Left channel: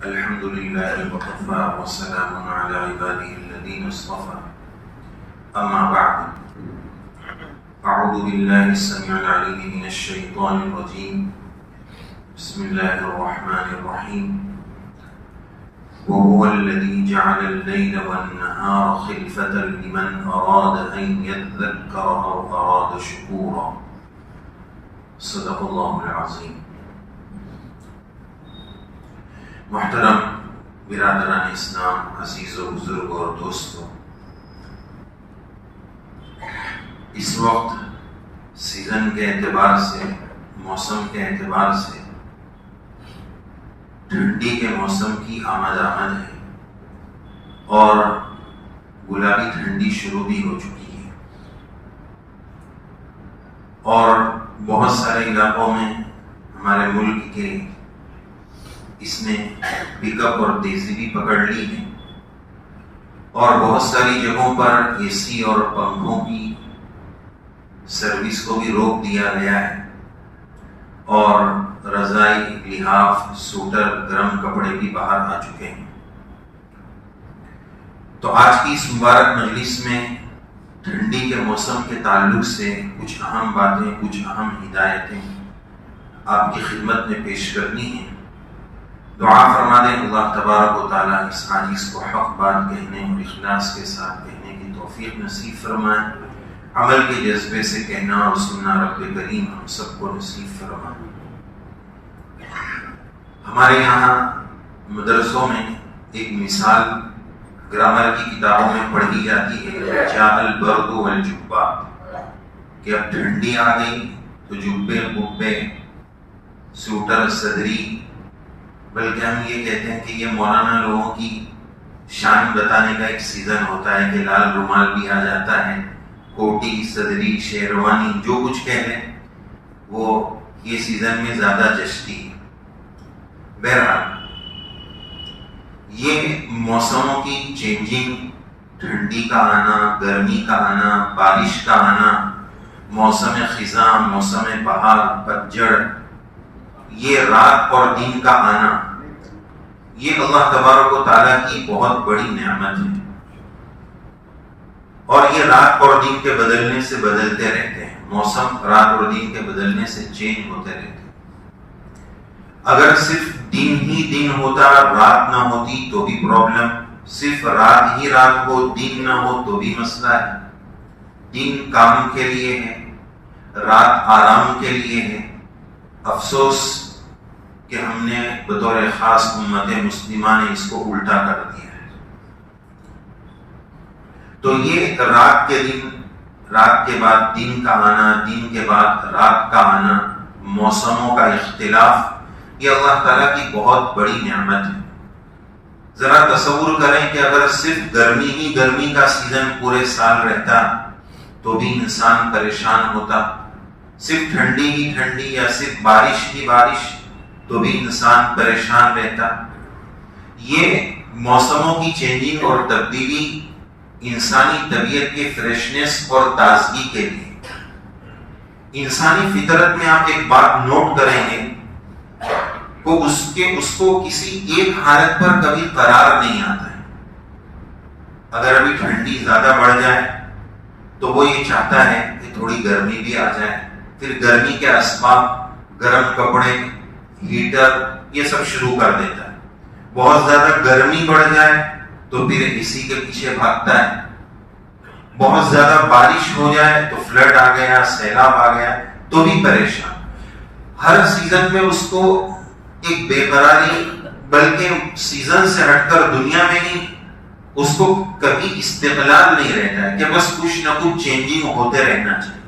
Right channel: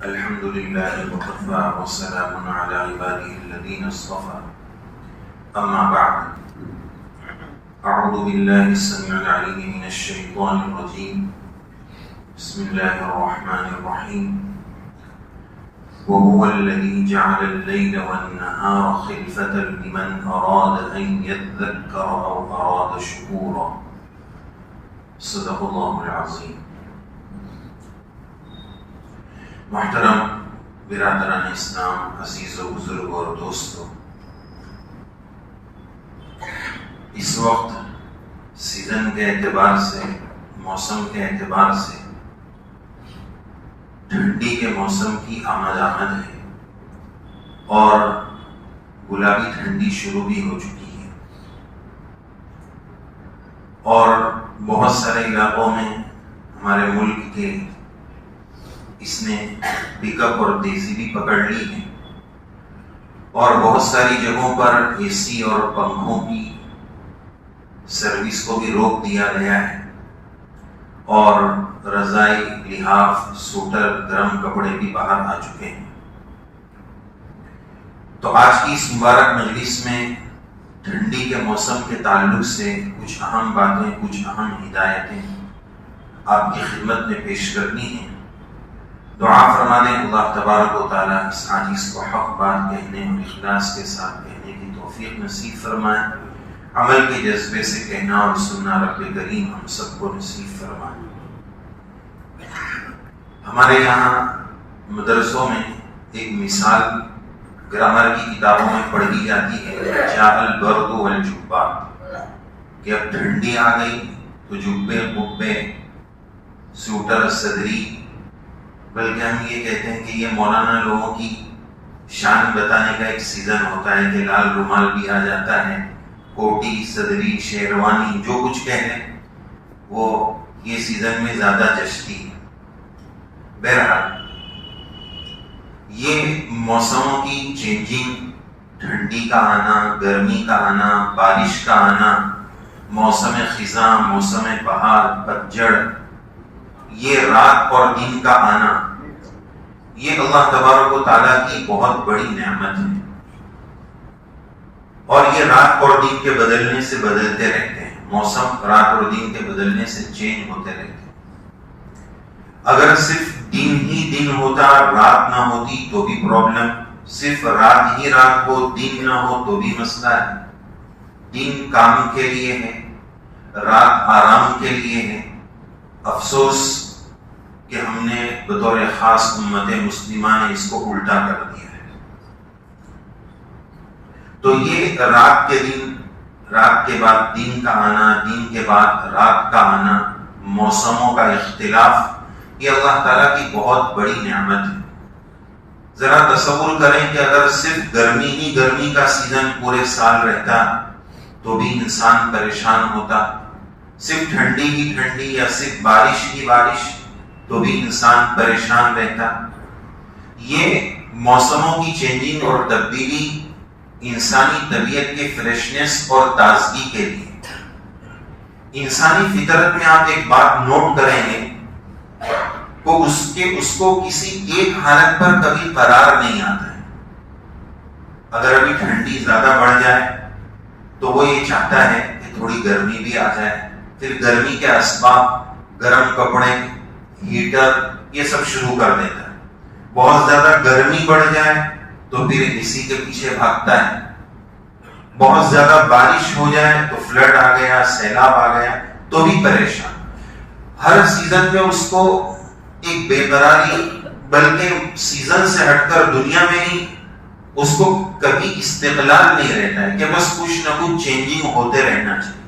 الحمد لله وكفى وسلام على عباده الذين اصطفى أما بعد أعوذ بالله السميع العليم من الشيطان الرجيم بسم الله الرحمن الرحيم وهو الذي جعل الليل والنهار خلفة لمن أراد أن يذكر أو أراد شكورا صدق الله العظيم. محترم برادران اسلام، عزیز و بزرگ اور دوستو، اس وقت سیزن کے اعتبار سے، موسم کے اعتبار سے ٹھنڈی کے موسم کی آمد ہے اور گلابی ٹھنڈی شروع بھی ہو چکی ہے، اور بہت سارے علاقوں میں ہمارے ملک کے اس نے پک اپ اور تیزی بھی پکڑ لی ہے، اور بہت ساری جگہوں پر اے سی اور پنکھوں کی سروس کو بھی روک دیا گیا ہے، اور رضائی، لحاف، سوٹر، گرم کپڑے بھی باہر آ چکے ہیں۔ تو آج کی اس مبارک مجلس میں ٹھنڈی کے موسم کے تعلق سے کچھ اہم باتیں، کچھ اہم ہدایتیں آپ کی خدمت میں پیش کرنی ہیں۔ دعا فرما دیں اللہ تبارک و تعالیٰ اس حدیث کو حق بات کہنے اور اخلاص کے ساتھ کہنے کی توفیق نصیب فرمائے، عمل کے جذبے سے کہنا اور سننا رب کریم ہم سب کو نصیب فرمائے۔ ہمارے یہاں مدرسوں میں ایک مثال گرامر کی کتابوں میں پڑھی جاتی ہے، جاء البرد والجبات، کہ اب ٹھنڈی آ گئی تو جبے، قبے، سوٹر، صدری، بلکہ ہم یہ کہتے ہیں کہ یہ مولانا لوگوں کی شان بتانے کا ایک سیزن ہوتا ہے کہ لال رومال بھی آ جاتا ہے، کوٹی، صدری، شیروانی، جو کچھ کہہ لیں وہ یہ سیزن میں زیادہ جچتی ہے۔ بہرحال یہ موسموں کی چینجنگ، ٹھنڈی کا آنا، گرمی کا آنا، بارش کا آنا، موسم خزاں، موسم بہار، پتجھڑ، یہ رات اور دن کا آنا، یہ اللہ تبارک و تعالیٰ کی بہت بڑی نعمت ہے، اور یہ رات اور دن کے بدلنے سے بدلتے رہتے ہیں، موسم رات اور دن کے بدلنے سے چینج ہوتے رہتے ہیں۔ اگر صرف دن ہی دن ہوتا، رات نہ ہوتی تو بھی پرابلم، صرف رات ہی رات ہو، دن نہ ہو تو بھی مسئلہ ہے۔ دن کام کے لیے ہے، رات آرام کے لیے ہے۔ افسوس کہ ہم نے بطور خاص امت مسلمہ نے اس کو الٹا کر دیا ہے۔ تو یہ رات کے دن، رات کے بعد دن کا آنا، دن کے بعد رات کا آنا، موسموں کا اختلاف، یہ اللہ تعالیٰ کی بہت بڑی نعمت ہے۔ ذرا تصور کریں کہ اگر صرف گرمی ہی گرمی کا سیزن پورے سال رہتا تو بھی انسان پریشان ہوتا، صرف ٹھنڈی ہی ٹھنڈی یا صرف بارش ہی بارش تو بھی انسان پریشان رہتا۔ یہ موسموں کی چینجنگ اور تبدیلی انسانی طبیعت کے فریشنس اور تازگی کے لیے، انسانی فطرت میں آپ ایک بات نوٹ کریں گے تو اس کو کسی ایک حالت پر کبھی قرار نہیں آتا ہے۔ اگر ابھی ٹھنڈی زیادہ بڑھ جائے تو وہ یہ چاہتا ہے کہ تھوڑی گرمی بھی آ جائے، پھر گرمی کے اسباب، گرم کپڑے، ہیٹر، یہ سب شروع کر دیتا ہے۔ بہت زیادہ گرمی بڑھ جائے تو پھر اسی کے پیچھے بھاگتا ہے۔ بہت زیادہ بارش ہو جائے تو فلڈ آ گیا، سیلاب آ گیا تو بھی پریشان۔ ہر سیزن میں اس کو ایک بے قراری، بلکہ سیزن سے ہٹ کر دنیا میں ہی اس کو کبھی استقلال نہیں رہتا ہے کہ بس کچھ نہ کچھ چینجنگ ہوتے رہنا چاہیے۔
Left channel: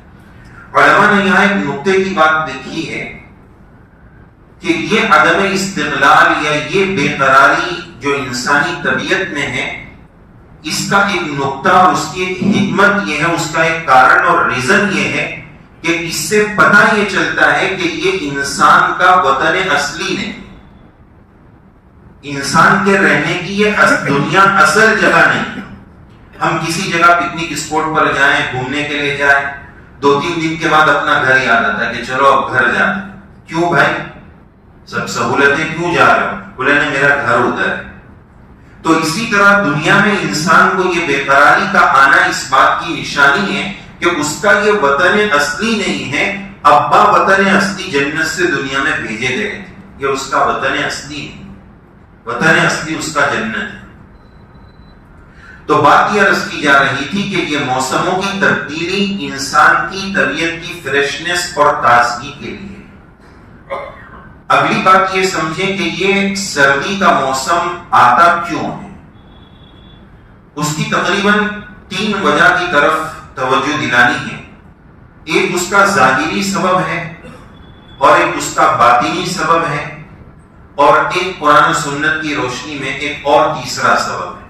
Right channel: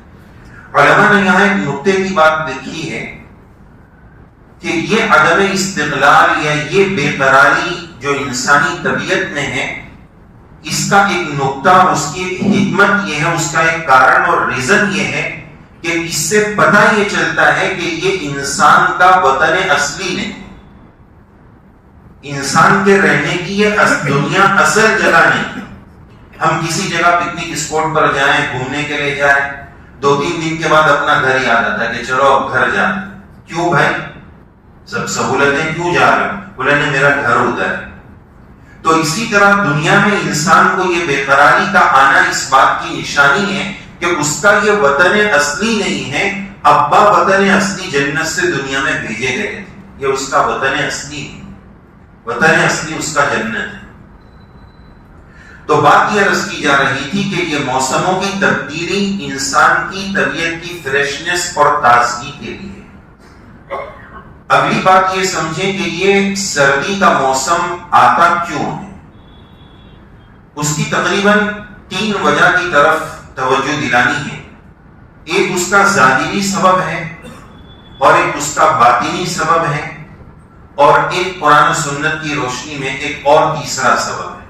علماء نے یہاں ایک نقطے کی بات لکھی ہے کہ یہ عدم استقلال یا یہ بے قراری جو انسانی طبیعت میں ہے، اس کا ایک نقطہ اور اس کی ایک حکمت یہ ہے، اس کا ایک کارن اور ریزن یہ ہے کہ اس سے پتہ یہ چلتا ہے کہ یہ انسان کا وطن اصلی نہیں، انسان کے رہنے کی یہ دنیا اصل جگہ نہیں۔ ہم کسی جگہ پکنک اسپاٹ پر جائیں، گھومنے کے لیے جائیں، 2-3 دن کے بعد اپنا گھر یاد آتا ہے کہ چلو اب گھر جانا۔ کیوں بھائی؟ سب سہولتیں کیوں جا رہے ہو؟ بولے نہیں میرا گھر ادھر ہے. تو اسی طرح دنیا میں انسان کو یہ بے قراری کا آنا اس بات کی نشانی ہے کہ اس کا یہ وطن اصلی نہیں ہے. ابا وطن اصلی جنت سے دنیا میں بھیجے گئے تھے, یہ اس کا وطن اصلی ہے. وطن اصلی اس کا جنت ہے. تو بات یہ عرض کی جا رہی تھی کہ یہ موسموں کی تبدیلی انسان کی طبیعت کی فریشنس اور تازگی کے لیے. اگلی بات یہ سمجھیں کہ یہ سردی کا موسم آتا کیوں ہے. اس کی تقریباً 3 وجہ کی طرف توجہ دلانی ہے. ایک اس کا ظاہری سبب ہے, اور ایک اس کا باطنی سبب ہے, اور ایک قرآن و سنت کی روشنی میں ایک اور تیسرا سبب ہے.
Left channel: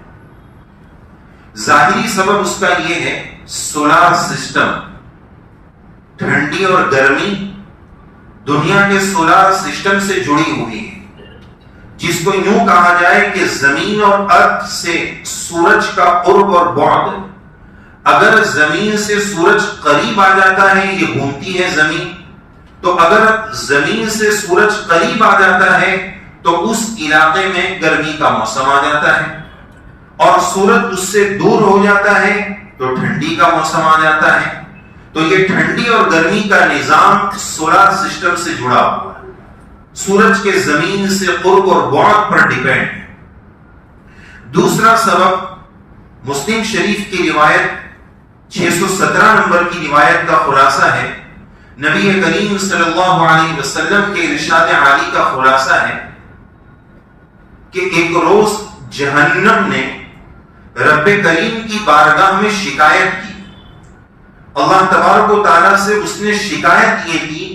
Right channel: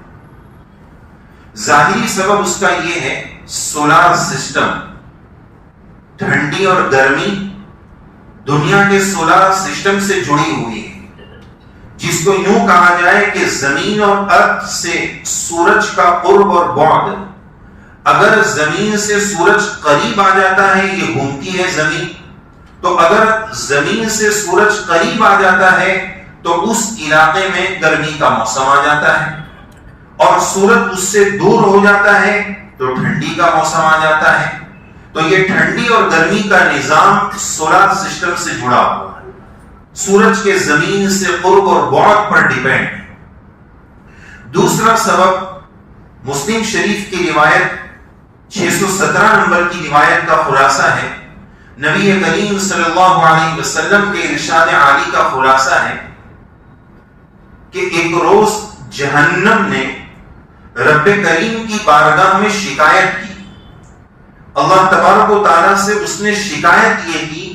ظاہری سبب اس کا یہ ہے سولار سسٹم. ٹھنڈی اور گرمی دنیا کے سولار سسٹم سے جڑی ہوئی ہے, جس کو یوں کہا جائے کہ زمین اور ارض سے سورج کا قرب اور بعد. اگر زمین سے سورج قریب آ جاتا ہے, یہ گھومتی ہے زمین, تو اگر زمین سے سورج قریب آ جاتا ہے تو اس علاقے میں گرمی کا موسم آ جاتا ہے, اور سورج اس سے دور ہو جاتا ہے تو ٹھنڈی کا موسم آ جاتا ہے. تو یہ ٹھنڈی اور گرمی کا نظام سولار سسٹم سے جڑا ہوا ہے, سورج کے زمین سے قرب اور بعد پر ڈیپینڈ ہے. دوسرا سبب مسلم شریف کی روایت 617 نمبر کی روایت کا خلاصہ ہے. نبی کریم صلی اللہ علیہ وسلم کے ارشاد عالی کا خلاصہ ہے کہ ایک روز جہنم نے رب کریم کی بارگاہ میں شکایت کی. اللہ تبارک و تعالیٰ سے اس نے شکایت یہ کی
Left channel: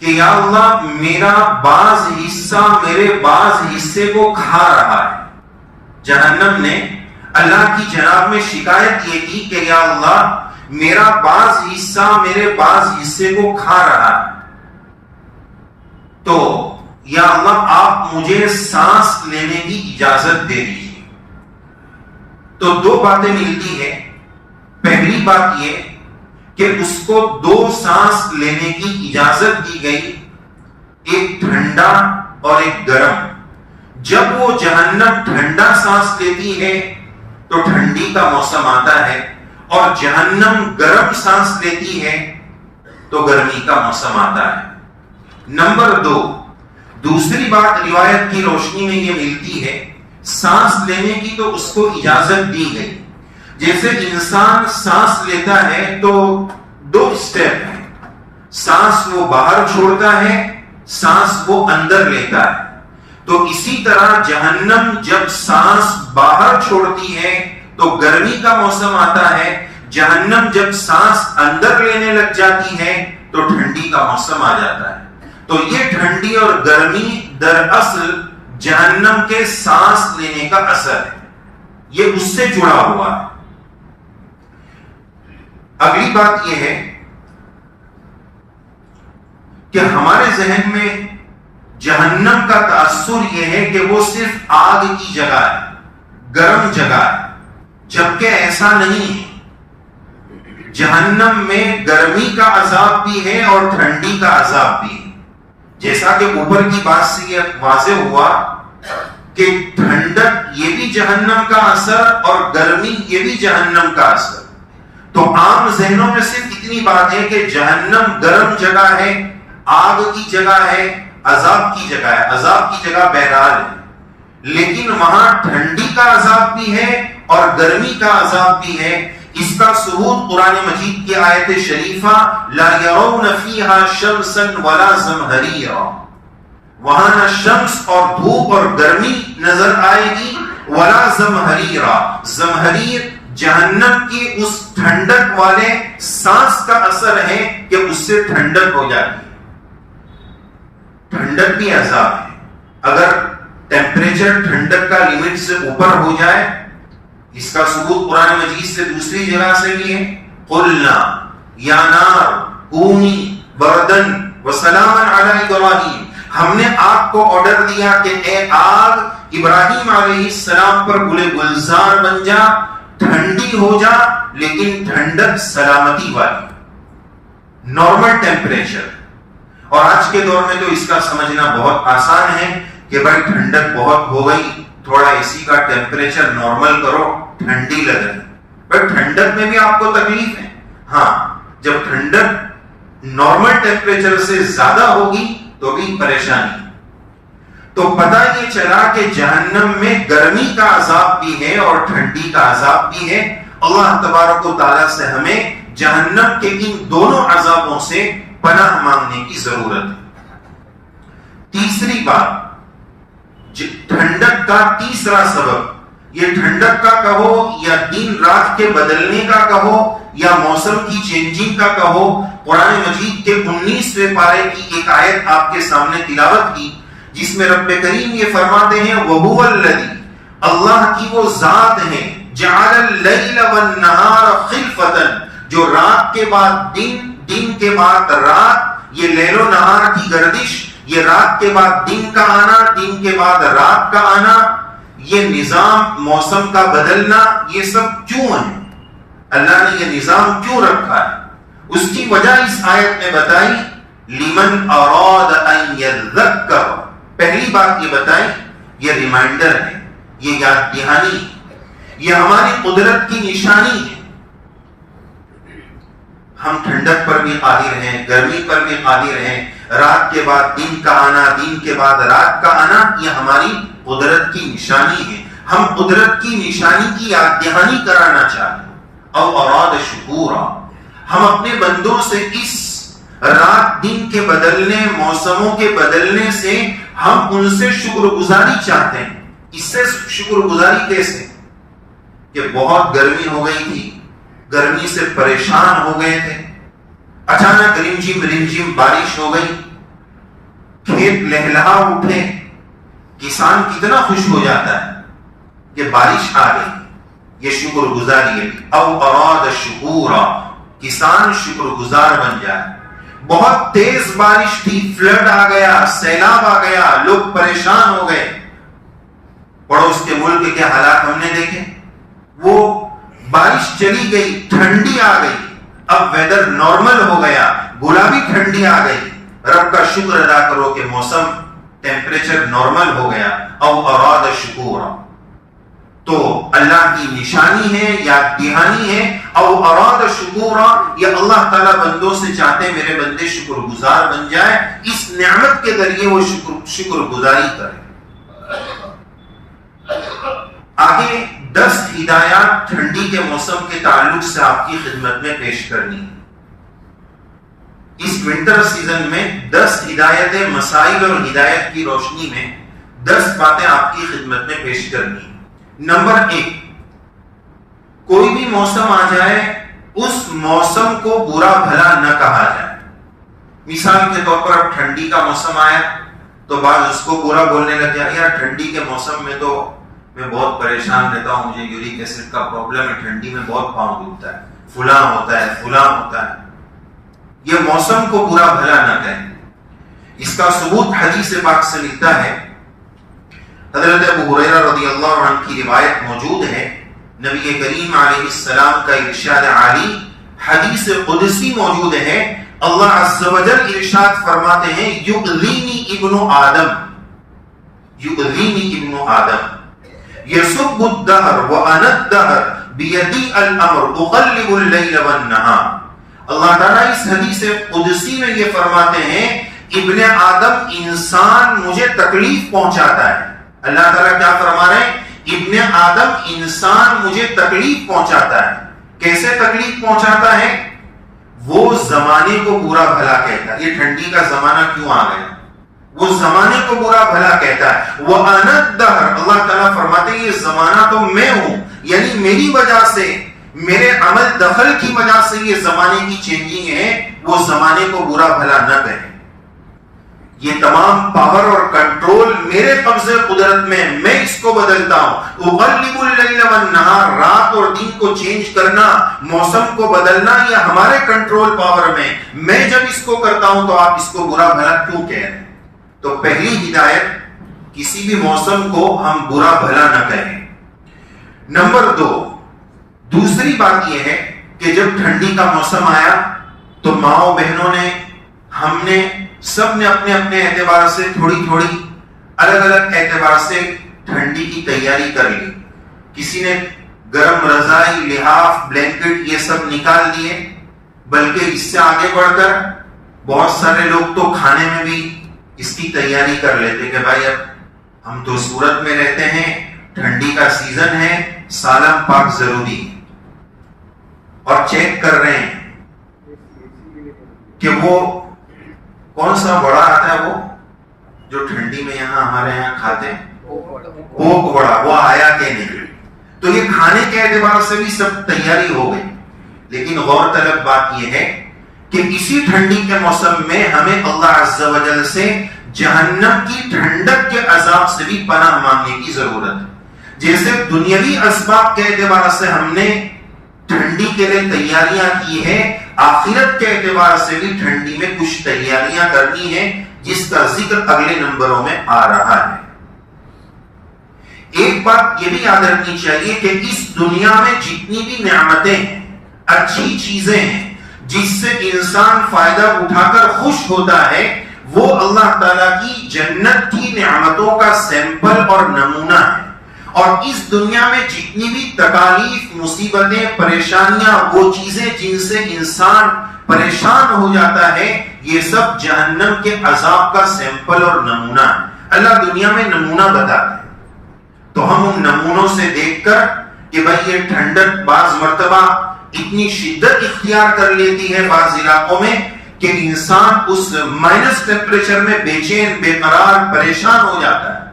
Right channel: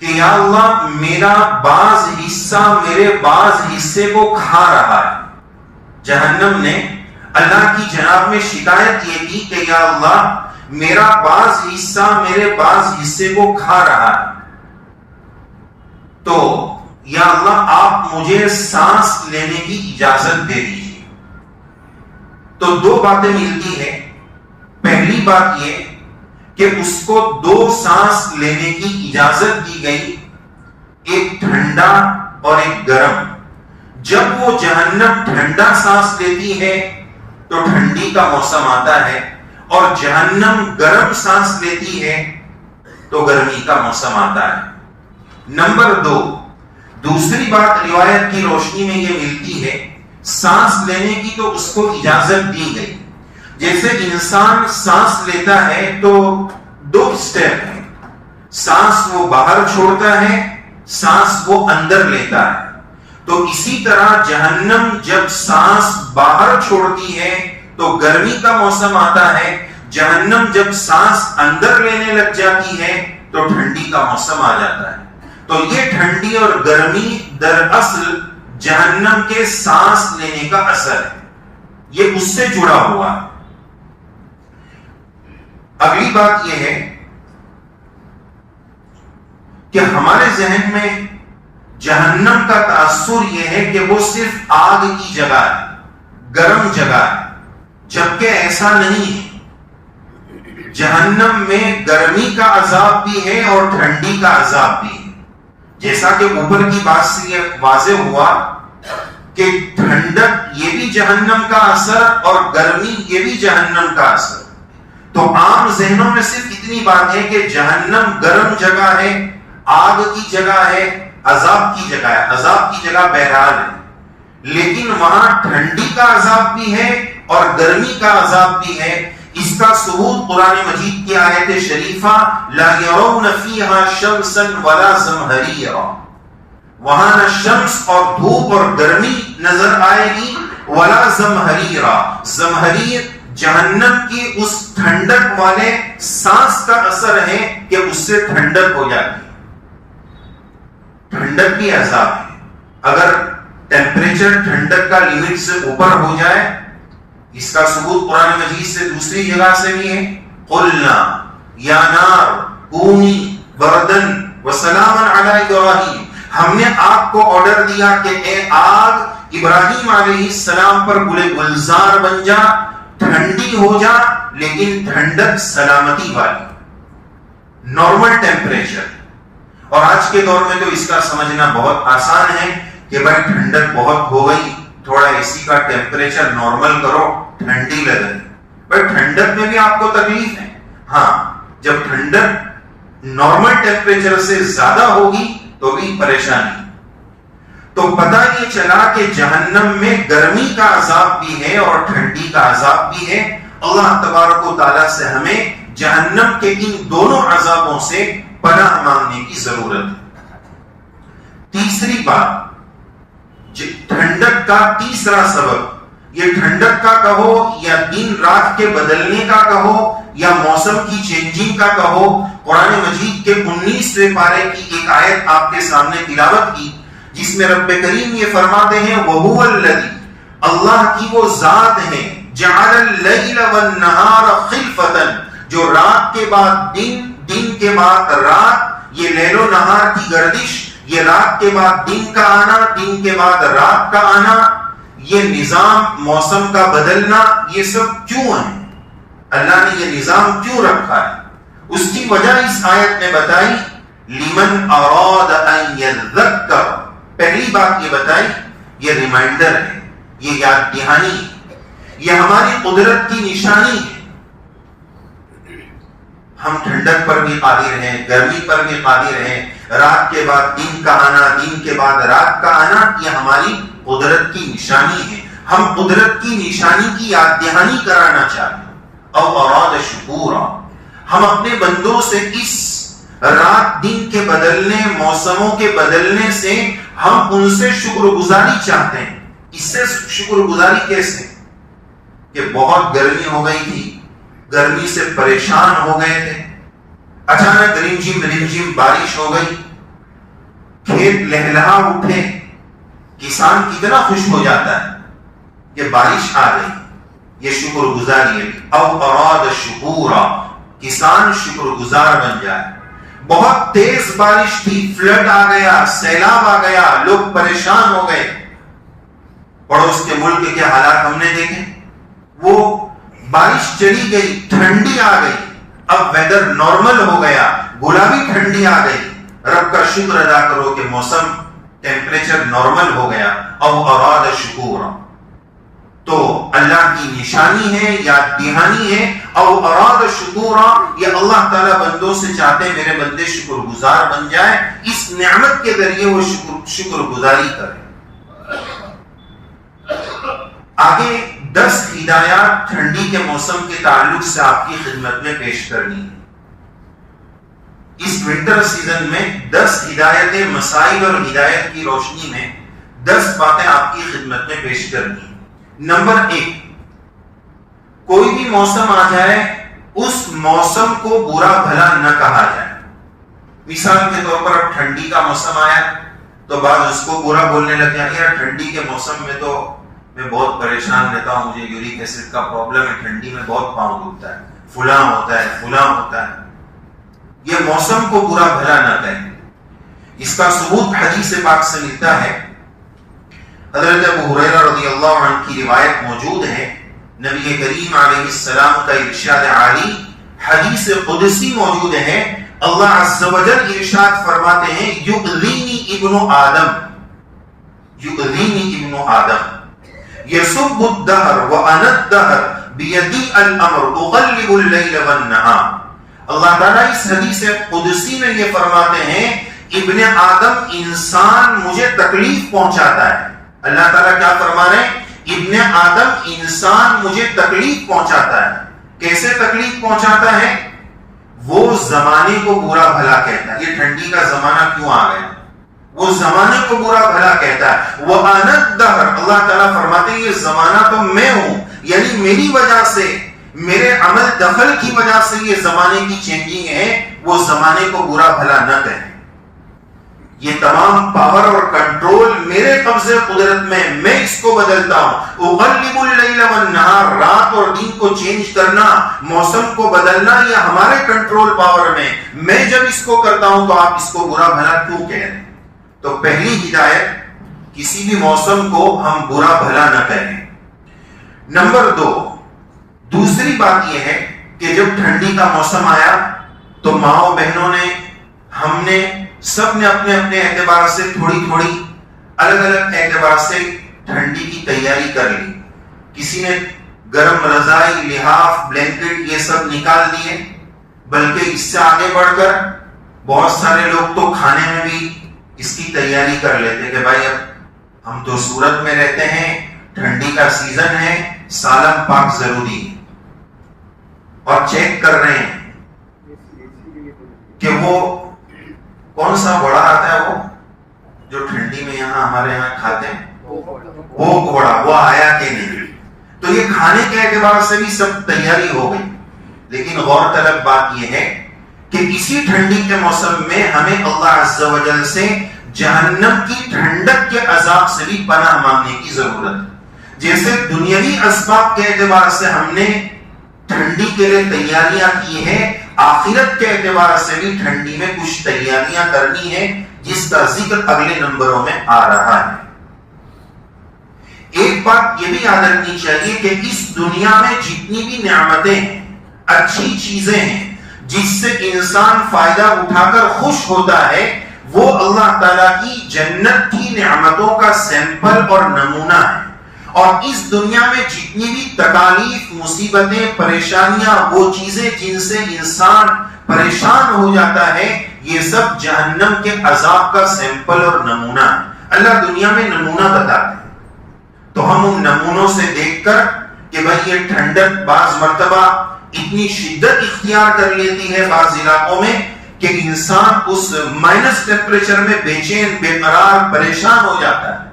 کہ یا اللہ میرا بعض حصہ میرے بعض حصے کو کھا رہا ہے. جہنم نے اللہ کی جناب میں شکایت یہ کی کہ یا اللہ میرا بعض حصہ میرے بعض حصے کو کھا رہا ہے, تو یا اللہ آپ مجھے سانس لینے کی اجازت دے دیجیے. تو 2 باتیں ملتی ہیں. پہلی بات یہ کہ اس کو 2 سانس لینے کی اجازت دی گئی, ایک ٹھنڈا اور ایک گرم. جب وہ جہنم ٹھنڈا سانس لیتی ہے تو ٹھنڈی کا موسم آتا ہے, اور جہنم گرم سانس لیتی ہے تو گرمی کا موسم آتا ہے. نمبر 2, دوسری بات روایت کی روشنی میں یہ ملتی ہے, سانس لینے کی تو اس کو اجازت دی گئی. جیسے انسان سانس لیتا ہے تو 2 سٹیپ ہیں, سانس وہ باہر چھوڑتا ہے, سانس وہ اندر لیتا ہے. تو اسی طرح جہنم جب سانس باہر چھوڑتی ہے تو گرمی کا موسم آتا ہے, جہنم جب سانس اندر لینے لگ جاتی ہے تو ٹھنڈی کا موسم آ جاتا ہے. تو یہ ٹھنڈی اور گرمی دراصل جہنم کے سانس لینے کا اثر ہے, یہ اس سے جڑا ہوا ہے. اگلی بات یہ ہے کہ ہمارے ذہن میں جہنم کا تاثر یہ ہے کہ وہ صرف آگ کی جگہ ہے, گرم جگہ ہے, جبکہ ایسا نہیں ہے. جہنم میں گرمی کا عذاب بھی ہے اور ٹھنڈی کا عذاب بھی ہے. جیسا کہ اوپر کی بات سے یہ واضح ہوا کہ ٹھنڈک یہ بھی جہنم کا اثر اور گرمی یہ بھی جہنم کا اثر. تو عام ذہنوں میں صرف اتنی بات ہے کہ جہنم گرم جگہ ہے, آگ کی جگہ ہے, عذاب کی جگہ ہے, عذاب کی جگہ بہرحال ہے. لیکن وہاں ٹھنڈی کا عذاب بھی ہے اور گرمی کا عذاب بھی ہے. اس کا ثبوت قرآن مجید کی آیت شریفہ لا يرون فيها شمسا ولا زمهريرا, وہاں نہ شمس اور دھوپ اور گرمی نظر آئے گی, ولا زمهريرا, زمهریر جہنم کی اس ٹھنڈک والے سانس کا اثر ہے کہ اس سے ٹھنڈک ہو جاتی ہے. ٹھنڈک بھی عذاب ہے. اگر ٹیمپریچر ٹھنڈک کا لمٹ سے اوپر ہو جائے, اس کا ثبوت قرآن مجید سے دوسری جگہ سے بھی ہے. قلنا یا نار کونی بردن وسلاما علی ابراہیم, ہم نے آگ کو آرڈر دیا کہ اے آگ ابراہیم علیہ السلام پر گلے گلزار بن جا, ٹھنڈی ہو جا, لیکن ٹھنڈک سلامتی والی, نارمل ٹیمپریچر. اور آج کے دور میں تو اس کا سمجھنا بہت آسان ہے. کہ بھائی ٹھنڈک بہت ہو گئی, تھوڑا اے سی کا ٹیمپریچر نارمل کرو, ٹھنڈی لگے. بھائی ٹھنڈک میں بھی آپ کو تکلیف ہے. ہاں, جب ٹھنڈک نارمل ٹیمپریچر سے زیادہ ہوگی تو بھی پریشانی. تو پتہ یہ چلا کہ جہنم میں گرمی کا عذاب بھی ہے اور ٹھنڈی کا عذاب بھی ہے. اللہ تبارک و تعالیٰ سے ہمیں جہنم کے ان دونوں عذابوں سے پناہ مانگنے کی ضرورت ہے. تیسری بات, ٹھنڈک کا تیسرا سبب, یہ ٹھنڈک کا کہو یا دن رات کے بدلنے کا کہو یا موسم کی چینجنگ کا کہو, قرآن مجید کے 19ویں پارے کی ایک آیت آپ کے سامنے تلاوت کی جس میں رب کریم یہ فرماتے ہیں وَهُوَ الَّذِي, اللہ کی وہ ذات ہے, جَعَلَ اللَّيْلَ وَالنَّهَارَ خِلْفَةً, جو رات کے بعد دن, دن کے بعد رات, یہ لیل و نہار کی گردش, یہ رات کے بعد دن کا آنا, دن کے بعد رات کا آنا, یہ نظام موسم کا بدلنا, یہ سب کیوں ہے؟ اللہ نے یہ نظام کیوں رکھا ہے؟ اس کی وجہ اس آیت میں بتائی, لمن اراد ان یذکر. پہلی بات یہ بتائی, یہ ریمائنڈر ہے, یہ یاد دہانی ہے, یہ ہماری قدرت کی نشانی ہے. ہم ٹھنڈک پر بھی قادر ہیں, گرمی پر بھی قادر ہیں, رات کے بعد دن کا آنا, دن کے بعد رات کا آنا, یہ ہماری قدرت کی نشانی ہے. ہم قدرت کی نشانی کی یاد دہانی کرانا چاہتے ہیں. او اراد شکورا, ہم اپنے بندوں سے اس رات دن کے بدلنے, موسموں کے بدلنے سے ہم ان سے شکر گزاری چاہتے ہیں. اس سے شکر گزاری کیسے؟ کہ بہت گرمی ہو گئی تھی, گرمی سے پریشان ہو گئے تھے, اچانک رمجھم بارش ہو گئی, کھیت لہلہا اٹھے, کسان کتنا خوش ہو جاتا ہے کہ بارش آ گئی, یہ شکر گزاری ہے. او اراد شکورا, کسان شکر گزار بن جائے. بہت تیز بارش تھی, فلڈ آ گیا, سیلاب آ گیا, لوگ پریشان ہو گئے. پڑوس کے ملک کے حالات ہم نے دیکھے, وہ بارش چلی گئی, ٹھنڈی آ گئی, اب ویدر نارمل ہو گیا, گلابی ٹھنڈی آ گئی. رب کا شکر ادا کرو کہ موسم ٹیمپریچر نارمل ہو گیا. او اراد شکورا, تو اللہ کی نشانی ہے, یاد دہانی ہے. او اراد شکورا, یہ اللہ تعالیٰ بندوں سے چاہتے میرے بندے شکر گزار بن جائے, اس نعمت کے ذریعے وہ شکر گزاری کرے. آگے 10 ہدایات ٹھنڈی کے موسم کے تعلق سے آپ کی خدمت میں پیش کرنی ہے. اس ونٹر سیزن میں 10 ہدایتیں, مسائل اور ہدایت کی روشنی میں 10 باتیں آپ کی خدمت میں پیش کرنی ہے. نمبر 1, کوئی بھی موسم آ جائے اس موسم کو برا بھلا نہ کہا جائے. مثال کے طور پر اب ٹھنڈی کا موسم آیا تو بعض اس کو برا بولنے لگے, یار ٹھنڈی کے موسم میں تو میں بہت پریشان رہتا ہوں, مجھے یورک ایسڈ کا پرابلم ہے, ٹھنڈی میں بہت پاؤں دکھتا ہے, فلاں ہوتا ہے, فلاں ہوتا ہے. یہ موسم کو برا بھلا نہ کہیں. اس کا ثبوت حدیث پاک سے ملتا ہے. حضرت ابو ہریرہ رضی اللہ عنہ کی روایت موجود ہے, نبی کریم علیہ السلام کا ارشاد عالی حدیث قدسی موجود ہے. اللہ عز و جل ارشاد فرماتے ہیں, یؤذینی ابن آدم, یؤذینی ابن آدم یسب الدہر وانا الدہر بیدی الامر اغلب اللیل والنہار. اللہ تعالیٰ اس حدیث قدسی میں یہ فرماتے ہیں, ابن آدم انسان مجھے تکلیف پہنچاتا ہے. اللہ تعالیٰ کیا فرما رہے ہیں؟ ابن آدم انسان مجھے تکلیف پہنچاتا ہے. کیسے تکلیف پہنچاتا ہے؟ وہ زمانے کو برا بھلا کہتا ہے. یہ ٹھنڈی کا زمانہ کیوں آ گیا, وہ زمانے کو برا بھلا کہتا ہے. وَأَنَا الدَّهْرُ, اللہ تعالیٰ فرماتے ہیں یہ زمانہ تو میں ہوں, یعنی میری وجہ سے, میرے عمل دخل کی وجہ سے یہ زمانے کی چینجنگ ہے. وہ زمانے کو برا بھلا نہ کہیں. یہ تمام پاور اور کنٹرول میرے قبضے قدرت میں اس کو بدلتا ہوں. اغلب اللیل والنہار, رات اور دن کو چینج کرنا, موسم کو بدلنا, یہ ہمارے کنٹرول پاور میں جب اس کو کرتا ہوں تو آپ اس کو برا بھلا کیوں کہہ رہے ہیں؟ تو پہلی ہدایت, کسی بھی موسم کو ہم برا بھلا نہ کہیں. نمبر 2, دوسری بات یہ ہے کہ جب ٹھنڈی کا موسم آیا تو ماؤں بہنوں نے, ہم نے, سب نے اپنے اپنے اعتبار سے تھوڑی تھوڑی الگ الگ اعتبار سے ٹھنڈی کی تیاری کر لی. کسی نے گرم رضائی، لحاف، بلینکٹ یہ سب نکال دیے، بلکہ اس سے آگے بڑھ کر بہت سارے لوگ تو کھانے میں بھی اس کی تیاری کر لیتے کہ بھائی اب ہم تو سورت میں رہتے ہیں، ٹھنڈی کا سیزن ہے، سالم پاک ضروری ہے. اور چیک کر رہے ہیں کہ وہ کون سا بڑا آتا ہے، وہ جو ٹھنڈی میں یہاں ہمارے یہاں کھاتے ہیں، وہ بڑا وہ آیا کہ نہیں. تو یہ کھانے کے اعتبار سے بھی سب تیاری ہو گئی. لیکن غور طلب بات یہ ہے کہ اسی ٹھنڈی کے موسم میں ہمیں اللہ عز و جل سے جہنم کی ٹھنڈک کے عذاب سے بھی پناہ مانگنے کی ضرورت ہے. جیسے دنیاوی اسباب کے اعتبار سے ہم نے ٹھنڈی کے لیے تیاریاں کی ہیں، آخرت کے اعتبار سے بھی ٹھنڈی میں کچھ تیاریاں کرنی ہیں، جس کا ذکر اگلے نمبروں میں آ رہا ہے. ایک بات یہ بھی یاد رکھنی چاہیے کہ اس دنیا میں جتنی بھی نعمتیں ہیں، اچھی چیزیں ہیں، جس سے انسان فائدہ اٹھا کر خوش ہوتا ہے، وہ اللہ تعالیٰ کی جنت کی نعمتوں کا سیمپل اور نمونہ ہے. اور اس دنیا میں جتنی بھی تکالیف، مصیبتیں، پریشانیاں، وہ چیزیں جن سے انسان پریشان ہو جاتا ہے، یہ سب جہنم کے عذاب کا سیمپل اور نمونہ ہے. اللہ دنیا میں نمونہ بتاتا ہے، تو ہم ان نمونوں سے دیکھ کر کہ بھائی یہ ٹھنڈک بعض مرتبہ اتنی شدت اختیار کر لیتی ہے بعض علاقوں میں کہ انسان اس مائنس ٹیمپریچر میں بے چین، بے قرار، پریشان ہو جاتا ہے.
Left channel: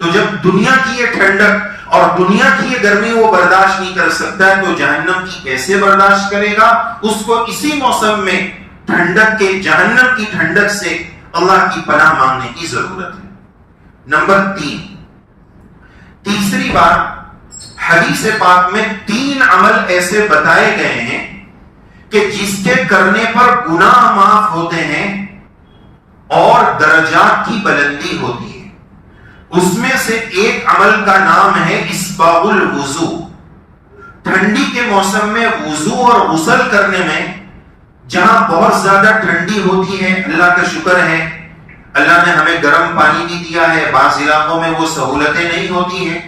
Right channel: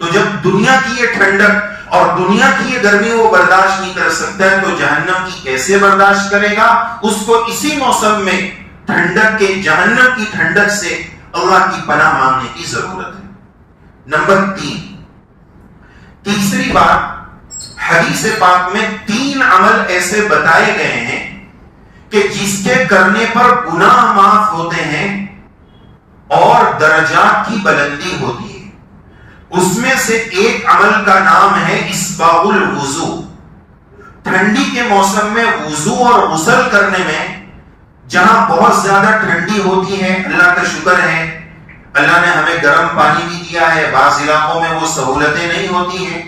تو جب دنیا کی یہ ٹھنڈک اور دنیا کی یہ گرمی وہ برداشت نہیں کر سکتا ہے، تو جہنم کی کیسے برداشت کرے گا؟ اس کو اسی موسم میں ٹھنڈک کے، جہنم کی ٹھنڈک سے اللہ کی پناہ مانگنے کی ضرورت ہے. نمبر 3، تیسری بات، حدیث پاک میں 3 عمل ایسے بتائے گئے ہیں کہ جس کے کرنے پر گناہ معاف ہوتے ہیں اور درجات کی بلندی ہوتی ہے. اس میں سے ایک عمل کا نام ہے اسباغ الوضو. ٹھنڈی کے موسم میں وضو اور غسل کرنے میں جہاں بہت زیادہ ٹھنڈی ہوتی ہے، اللہ کا شکر ہے اللہ نے ہمیں گرم پانی بھی دیا ہے، بعض علاقوں میں وہ سہولتیں نہیں ہوتی ہیں.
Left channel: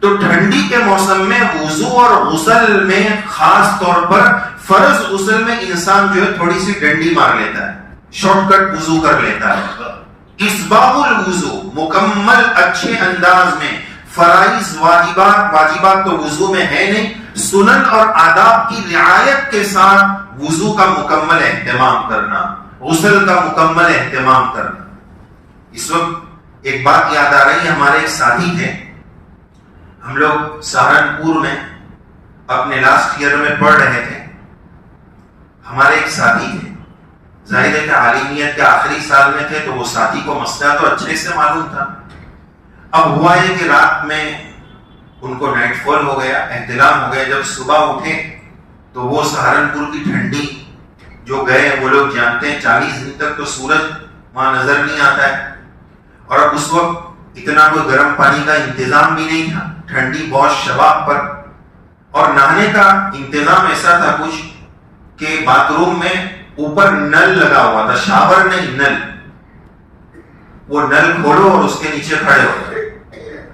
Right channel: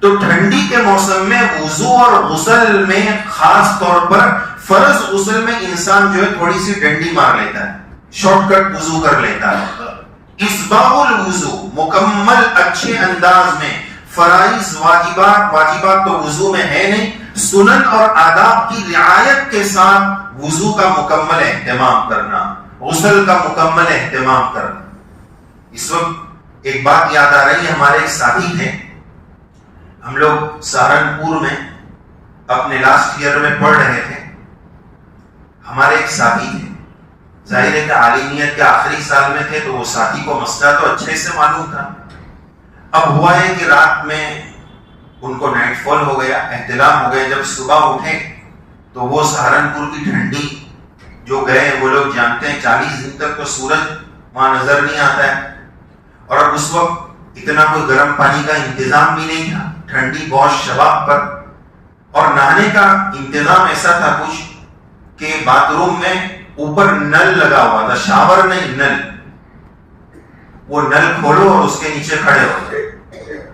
تو ٹھنڈی کے موسم میں وضو اور غسل میں، خاص طور پر فرض غسل میں، انسان جو ہے تھوڑی سی ڈنڈی مار لیتا ہے، شارٹ کٹ وضو کر لیتا ہے. اسباغ الوضو، مکمل اچھے انداز میں فرائض، واجبات تو وضو میں ہے نہیں، سنن اور آداب کی رعایت کے ساتھ وضو کا مکمل اہتمام کرنا، غسل کا مکمل اہتمام کرنا. اس وقت ایک بات یاد آ رہی ہے، ہمارے ایک ساتھی تھے، ہم لوگ سہارنپور میں اپنے لاسٹ ایئر میں پڑھ رہے تھے. ہمارے ایک ساتھی تھے، ظاہر ہے کہ عالمیت کے آخری سال میں تھے، تو وہ ساتھی کو مسئلہ تو اچھے سے معلوم تھا. اب ہوا ہے کہ رات میں ان کو نائٹ فال ہو گیا، احتلام ہو گیا. جب صبح اٹھے تو وہ سہارنپور کی ٹھنڈی جو گئے، وہ لوگ جانتے ہیں 40 دن تک تو سورج وہاں نظر نہیں آتا ہے. اور اب اس وقت اتنا کوئی گرم پانی کا انتظام بھی نہیں تھا، ٹھنڈی بہت شباب پر. اور نہانے کا انتظام ایسا تھا کچھ کہ باتھ روم میں اوپر نل لگا ہوا تھا، شاور نہیں، نل. وہ نل کھولو اور اس کے نیچے کھڑے ہو.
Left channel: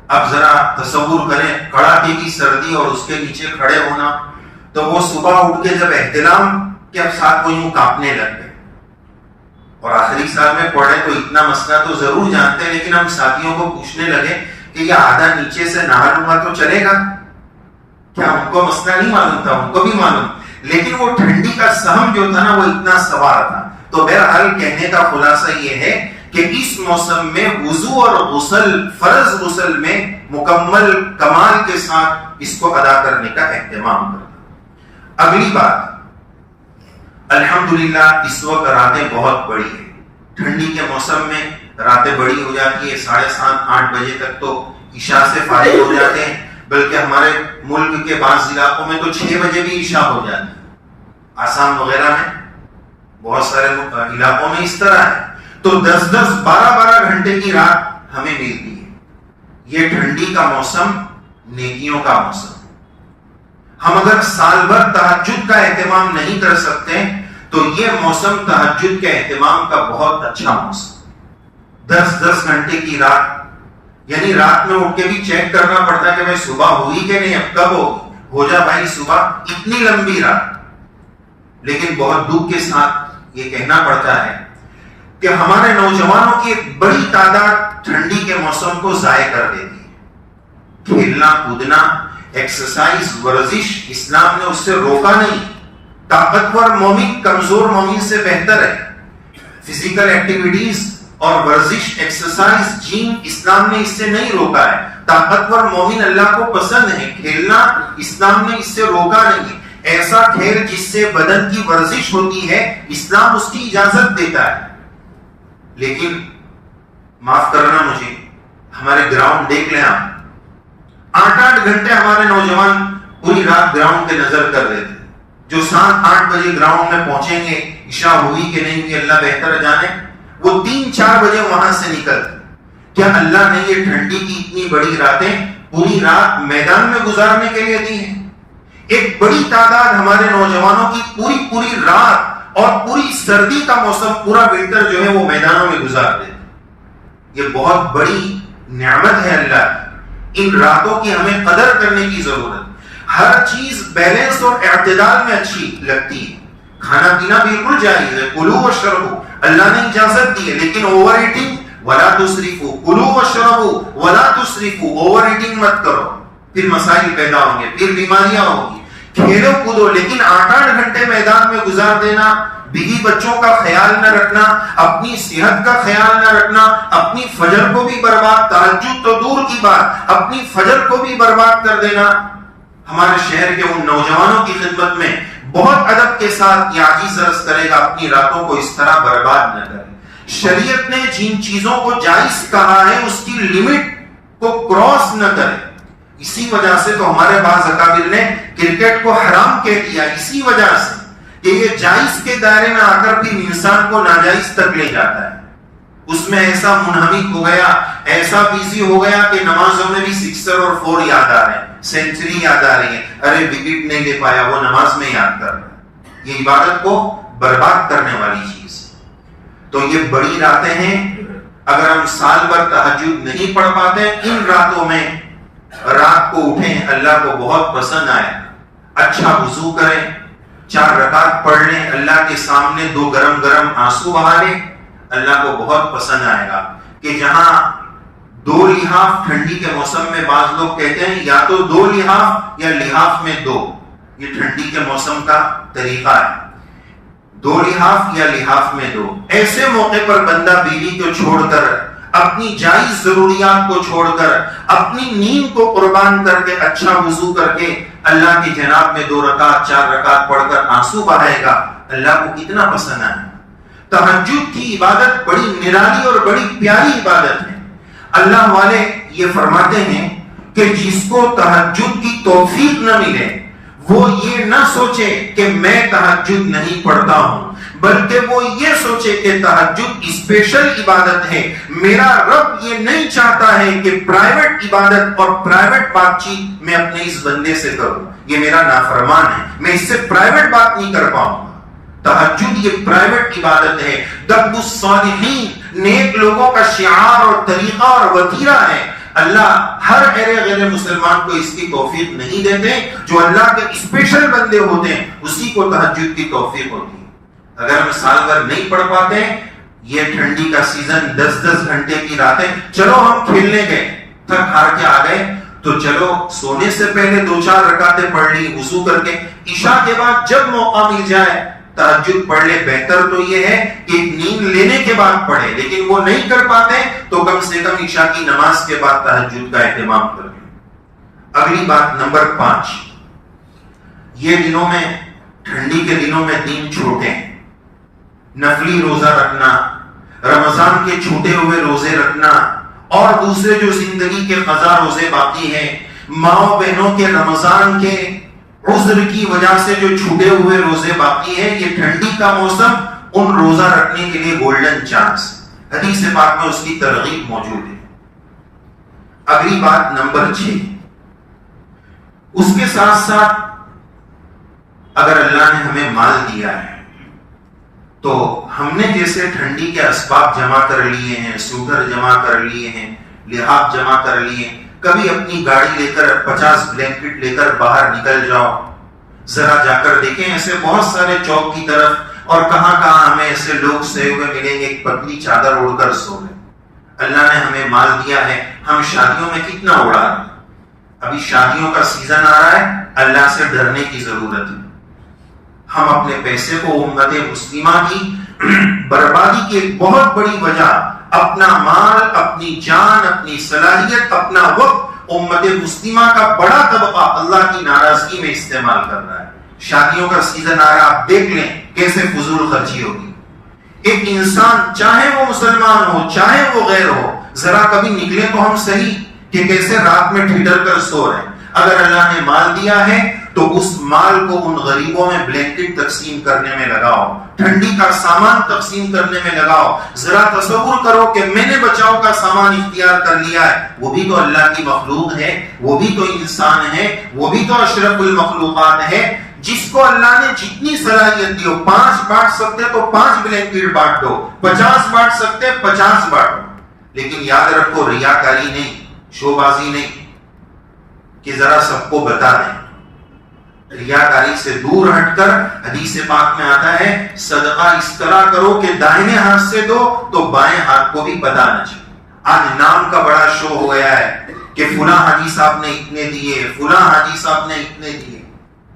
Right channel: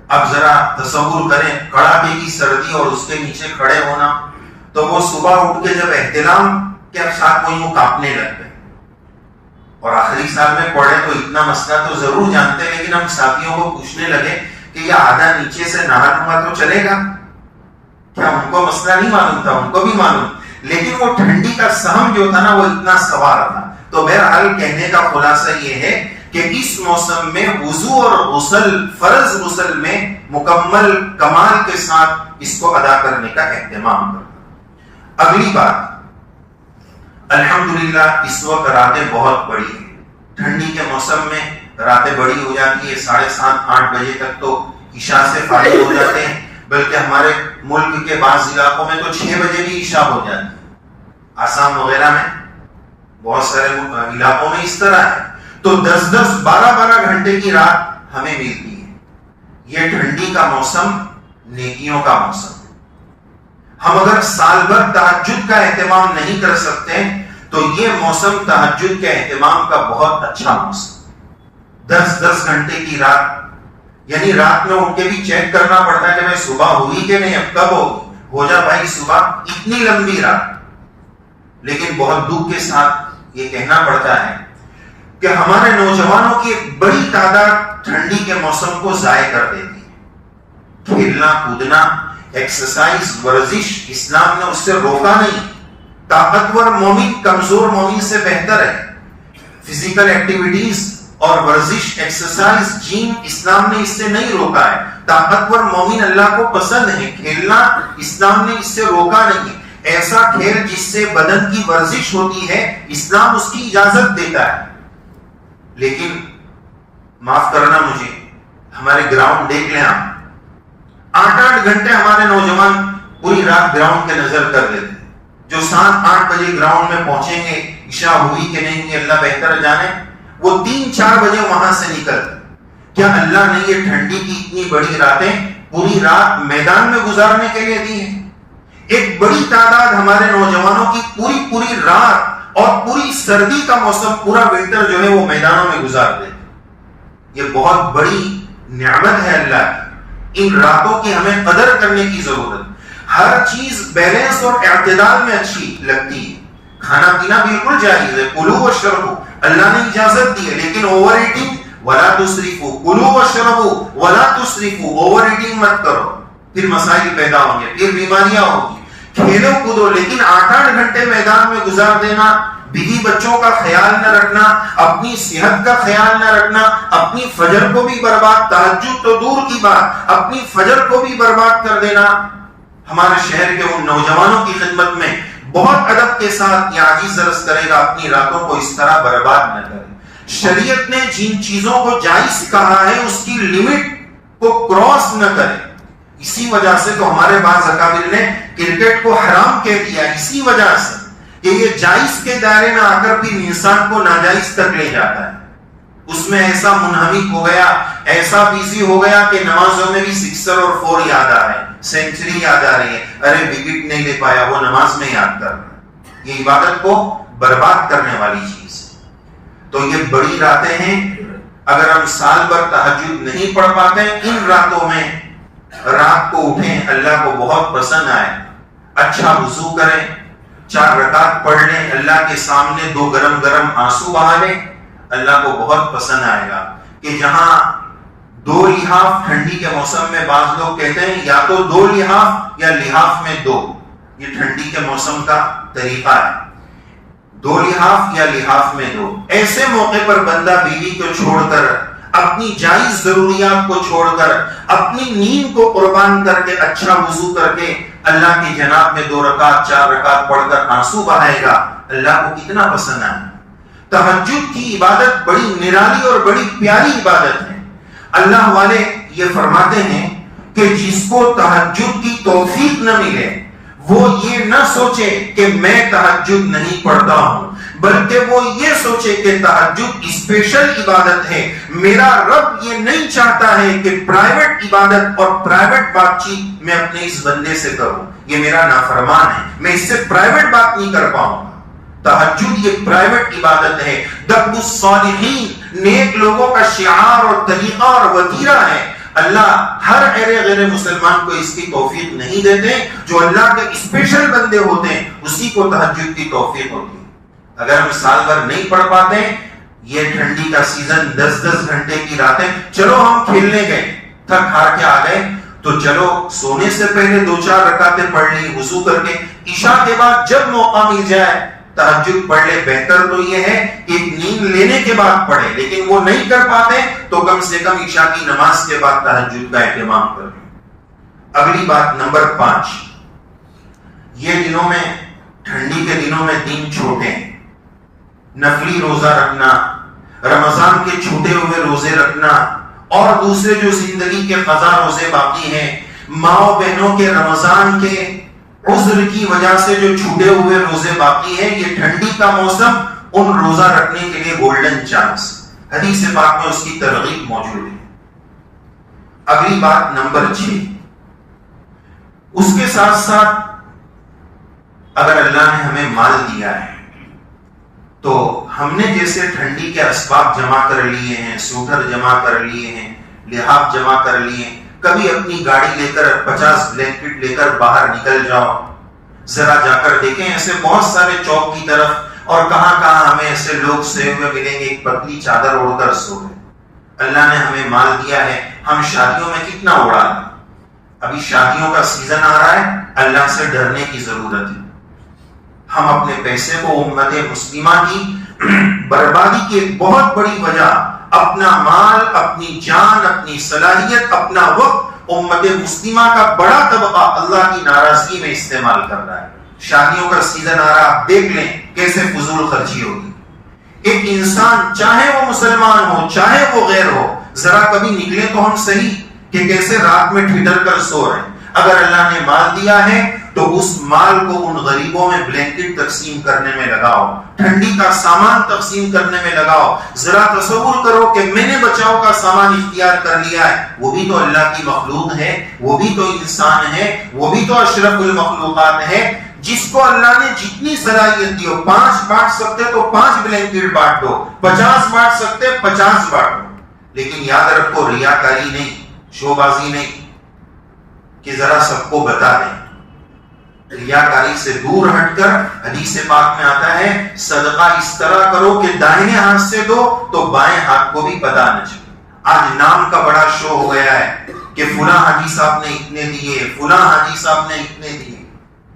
اب ذرا تصور کریں کڑاکے کی سردی اور اس کے نیچے کھڑے ہونا. تو وہ صبح اٹھ کے جب احتلام کے ساتھ وہ یوں کانپنے لگ گئے. اور آخری سال میں پڑھے تو اتنا مسئلہ تو ضرور جانتے ہیں، لیکن ہم ساتھیوں کو پوچھنے لگے کہ یہ آدھا نیچے سے نہا لوں گا تو چلے گا کیا؟ ان کو مسئلہ نہیں معلوم تھا، ان کو بھی معلوم، لیکن وہ ٹھنڈی کا سہم جو تھا نا، وہ اتنا سوار تھا. تو بہرحال کہنے کا خلاصہ یہ ہے کہ اس موسم میں وضو اور غسل، فرض غسل میں مکمل کمال کے ساتھ اس کو ادا کرنے کا اہتمام کرنا. اگلی بات، الحمدللہ اس وقت راتیں بہت بڑی ہیں. ٹھنڈی کے موسم میں راتیں بڑی ہو جاتی ہے، 7:30 8 بجے تک تو عشاء سے فارغ ہو جاتے ہیں. بلکہ ہمارے ملک کے بعض علاقوں میں تو 6 بجے بھی عشاء ہو جاتی ہے. آسام وغیرہ میں بہت سارے علاقوں میں اس طرح ہے. تو 10-10 12-12 گھنٹے کی رات ہمیں ملتی ہے. یہ ٹھنڈی کا موسم نیکیوں کا موسم. ہم اگر سال بھر تہجد کا اہتمام نہیں کر سکتے تو یہ موسم تہجد کے اہتمام کا بہت اچھا موسم. 10 گھنٹے کی رات، یعنی رات میں اٹھ کے بھی چیک کرنا پڑتا ہے کہ بھائی صبح ہوئی کہ نہیں، اب کب ہوگی، ہو جا بھائی صبح، اتنی لمبی رات. لیکن بہت دکھ کے ساتھ یہ کہنا پڑتا ہے کہ ہمارے نوجوانوں کی ایک بڑی تعداد ٹھنڈی کے موسم کو ضائع کر دیتی ہے. کھیلنا کودنا، ایکسرسائز، ورزش، اسلام نے اس سے روکا نہیں. طاقتور مومن کمزور مومن سے بہتر ہے. فزیکل ایکٹیویٹیز اور ورزش، ایکسرسائز، جم، اسلام نے اس سے نہیں روکا ہے. طاقتور مومن اللہ کو پسند ہے. کھیلنا اسلام نے اس سے روکا نہیں ہے. ایسا کھیل جس سے بدن کی ورزش ہوتی ہے اسلام اس کی اجازت دیتا ہے. لیکن معاف کرنا مجھے، ہمارے گراؤنڈ دیکھ لیں آپ، 8 گھنٹے ہمارے نوجوان پوری رات گراؤنڈ پہ نظر کر رہے تھے. جو 7-8 بجے گراؤنڈ میں پہنچیں گے، عشاء ہوئی کہ نہیں ہوئی اللہ بہتر جانے، وہ 3-4 بجے وہاں سے نکلتے. کیا اللہ نے یہ ٹھنڈی کی اتنی بڑی راتیں پوری رات میدان میں گزارنے کے لیے دی ہیں؟ ایک بڑی تعداد ہمارے نوجوانوں کی پوری رات اور پوری سردی کا موسم، پورا ونٹر جو ہے وہ میدانوں میں گزار دیتے. یہ بہت بڑی نعمت ہے اللہ کی. ان راتوں کی ہمیں قدر کرنے کی ضرورت. ہر چیز بیلنس اور اعتدال میں اچھی لگتی ہے. کھانا پینا بالکل جائز ہے، کلوا واشربوا، اللہ نے اجازت دی ہے، لیکن اوور ایٹنگ ولا تسرفوا، کلوا واشربوا ولا تسرفوا، اوور ایٹنگ مت کرو، پھر مسائل پیدا ہوں گے، پھر بیماریاں ہوں گی. کھیلو کودو، لیکن 8 گھنٹے میدان میں گزار دینا، بیوی بچوں کا خیال نہ رکھنا، اپنی صحت کا خیال نہ رکھنا، اپنی فجر کو بھی برباد، تہجد تو دور کی بات، اپنی فجر کو بھی برباد کر دینا. ہمارے شہر کے ان نوجوانوں کی خدمت میں بہت ادب کے ساتھ یہ عاجز عرض کرے گا، اپنی راتوں کو اس طرح برباد نہ کرے. شریعت نے جن چیزوں کو جائز کہا ہے اس کی لمٹ کو کراس نہ کرے. اسی وجہ سے تو ہمارے بعض اکابر نے کرکٹ کو حرام کہہ دیا، اسی وجہ سے کہ یہ جائز کے دائرے میں آ کر پھر انسان کو ناجائز تک لے جاتا ہے. اس میں ایسا منہمک ہو گیا، ایسا بیزی ہو گیا کہ نمازوں میں بھی 6 اور 4 یاد آ رہے ہیں، سینچری یاد آ رہی ہے، ارے وکٹ نہیں لے پایا، وہ نماز میں یاد کر رہا ہے. یہ عبادت کو برباد کرنے والی چیز ہے. تو یہ بڑی راتیں ہیں. اگر ہم سال بھر تہجد نہیں پڑھ پاتے، ان راتوں میں رات کو اٹھیں، اللہ کو بہت پسند آئے. اچھا وضو کریں، 4 رکعت پڑھ لیں، اللہ کے سامنے 2 گرم آنسو بہا لیں، اللہ کو بہت پسند آئے گا. کہ جہاں 2 لحاف ٹھنڈی کے موسم میں بعض لوگ کہتے ہیں یا تو 2 لحاف یا لحاف میں 2، یہ ٹھنڈی کے موسم کا طریقہ ہے. 2 لحاف یا لحاف میں 2. ایسے موقع پر بندہ بیوی کو چھوڑ کر، اپنی جائز ضروریات کو چھوڑ کر، اپنی نیند کو قربان کر کے، اچھا وضو کر کے اللہ کی جناب میں 2 رکعت 4 رکعت پڑھ کر آنسو بہائے گا، اللہ کو کتنا پسند آئے. تہجد کی عبادت بڑی نرالی اور بڑی پیاری عبادت ہے. اللہ والے یہ فرماتے ہیں کہ جس کو تہجد کی توفیق نہ ملے وہ یہ نہ سوچے کہ میں تہجد نہیں پڑھتا ہوں، بلکہ وہ یہ سوچے کہ تہجد اسپیشل عبادت ہے. میرا رب یہ نہیں چاہتا ہے کہ پرائیویٹ عبادت اور پرائیویٹ بات چیت میں اپنے اس بندے سے کروں، یہ میرا نافرمان ہے، میں اس سے پرائیویٹ بات نہیں کر پاؤں. تہجد یہ پرائیویٹ عبادت ہے. دب الصالحین، نیک لوگوں کا شعار اور طریقہ اور وتیرہ ہے. اللہ ہر غیر مسلمان کو اس کی توفیق نہیں دیتے. جو اللہ کے اسپیشل بندے ہوتے ہیں اسی کو تہجد کی توفیق ہوتی ہے. اگر ہم سال بھر نہیں پڑھ پاتے، یہ ٹھنڈی کا سیزن 10 گھنٹے کی راتیں، چلو ہم کھیلنے گئے، تھک ہار کے آ گئے، تو چلو سونے سے پہلے 2-4 رکعتیں پڑھ لی وضو کر کے، عشاء کے بعد جب موقع مل جائے تہجد پڑھ لے. بہتر تو یہ ہے کہ نیند لینے کے بعد پڑھے، لیکن وہ نہیں کر پاتے تو کم سے کم عشاء کی نماز کے بعد تہجد کا اہتمام کریں. اگلی بات نمبر 5، یہ دنوں میں، ٹھنڈی کے دنوں میں دن چھوٹے ہیں. نفلی روزہ رکھنا، رمضان کے چھوٹے ہوئے روزے رکھنا، اور دوسرے جو زندگی کے قضا روزے باقی ہیں، ماں بہنوں کے رمضان کے عذر کی وجہ سے جو چھوٹے ہوئے روزے باقی ہیں، یہ ٹھنڈی کا موسم ان روزہ رکھنے کے لیے گولڈن چانس. حدیث پاک میں اس کی ترغیب موجود ہے. اگلی بات نمبر 6، اس کے ساتھ ساتھ اگر اللہ نے ہمیں مال دیا ہے تو ہم نے جیسے ٹھنڈی کے اسباب جمع کر لیے ہیں، سوٹر جمع کر لیے ہیں، لحاف جمع کر لیے ہیں، کبھی اپنی گاڑی لے کر 50 بلینکٹ لے کر باہر نکل جاؤ، ذرا جا کر دیکھیں ایسے بہت سارے چوک کی طرف اور کہاں کہاں ہمیں ایسے لوگ سوئے ہوئے ملیں گے، ایک پتلی چادر اوڑھ کر سو گئے۔ اللہ نے ہمیں مال دیا ہے، ہم شادیوں میں کتنا اڑا دیں۔ ابھی شادیوں کا سیزن آ رہا ہے، اللہ سے ڈرنے کی ضرورت ہے۔ ہم اپنے پیسے کو امت مسلمہ کی بربادی کی ایک بہت بڑی وجہ اپنا مال، اپنی جان، اپنی صلاحیت، اپنا وقت امت مسلمہ کا بڑا طبقہ اللہ کی ناراضگی میں استعمال کر رہا ہے۔ شادیوں کا سیزن آ رہا ہے، آپ دیکھ لیں کیسے فضول خرچی ہوگی۔ ایک انسان چاہے وہ مسلمان ہو چاہے وہ غیر ہو، ذرا کبھی نکلے تو ہم صحیح کہ کیسے رات میں ٹھٹر کر سو رہے ہیں۔ اگر اللہ نے مال دیا ہے تو اس مال کو ان غریبوں میں بلینکٹ تقسیم کرنے میں لگاؤ، ٹھنڈی کا سامان تقسیم کرنے میں لگاؤ۔ ذرا تصور کرو کہ میں نے بچاؤ کا سامان اختیار کر لیا ہے، وہ بھی تو اللہ کی مخلوق ہے، وہ بھی تو انسان ہے، وہ بھی تو اشرف المخلوقات ہے۔ جس کو اللہ نے جتنی صلاحیت دی ہو، 5 بانٹ سکتے تو 5 بلینکٹ بانٹ دو، 50 بانٹ سکتے 50 بانٹو، لیکن یاد رکھو ریاکاری نہیں، شو بازی نہیں کہ ذرا سب کو بتا دیں۔ ریاکاری سے دور ہٹ کر حدیث پاک میں آتا ہے صدقہ اس طرح کرو کہ دائیں ہاتھ سے دو تو بائیں ہاتھ کو بھی پتا نہ چلے۔ آج نام کا بڑا شو ہو گیا ہے کہ فلاں حاجی صاحب نے اتنے دیے، فلاں حاجی صاحب نے اتنے دیے،